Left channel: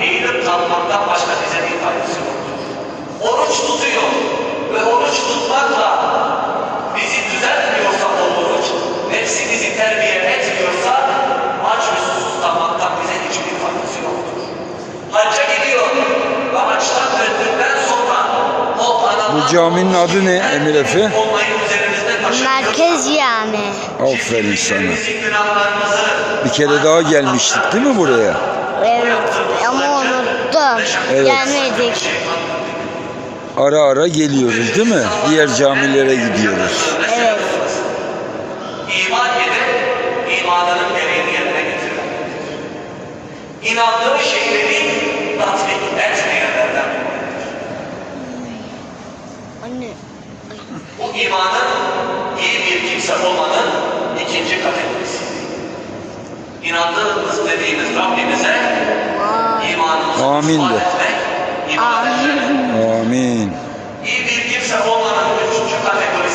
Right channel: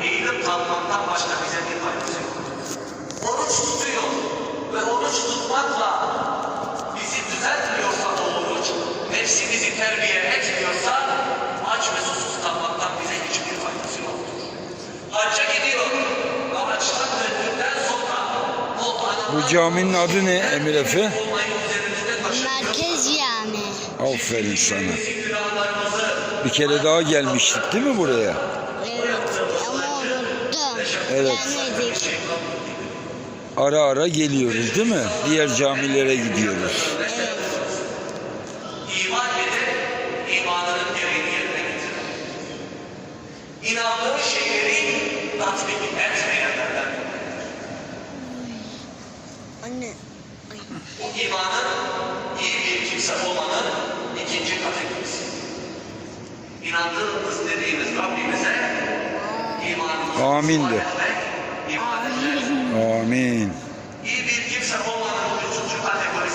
eğilip kalkmaktan başka bize bir faydası yoktur. Oruç tutuyor ve oruç tutmakla bizi düzeltmiyorsa o oruç, nefsi bizi terbiye etmiyorsa aç ve susuz kalmaktan bize hiçbir faydası yoktur. Hacca gidiyor ve haçtan döndükten sonra o Bu caminin adı ne Emir Efe? Merkez Cami. Aferin sana. Bir kere daha gelmiştik değil mi buraya? Evet ama unuttum. Evet. Gelmedik. Ara ara geliyoruz değil mi? Diğer camilere gidiyoruz. Evet. İman edip imanının gereğini yerine getirir. İnandığı şeyleri tatbik etmeyenlerden dolayıdır. Anne. Bu imanın iyi bir kimse olmanın ikinci kategorisi. İnandığımız dediğimiz Rabbimize imanımızı Amin de. ispat etmek, ibadet etmek. Amin.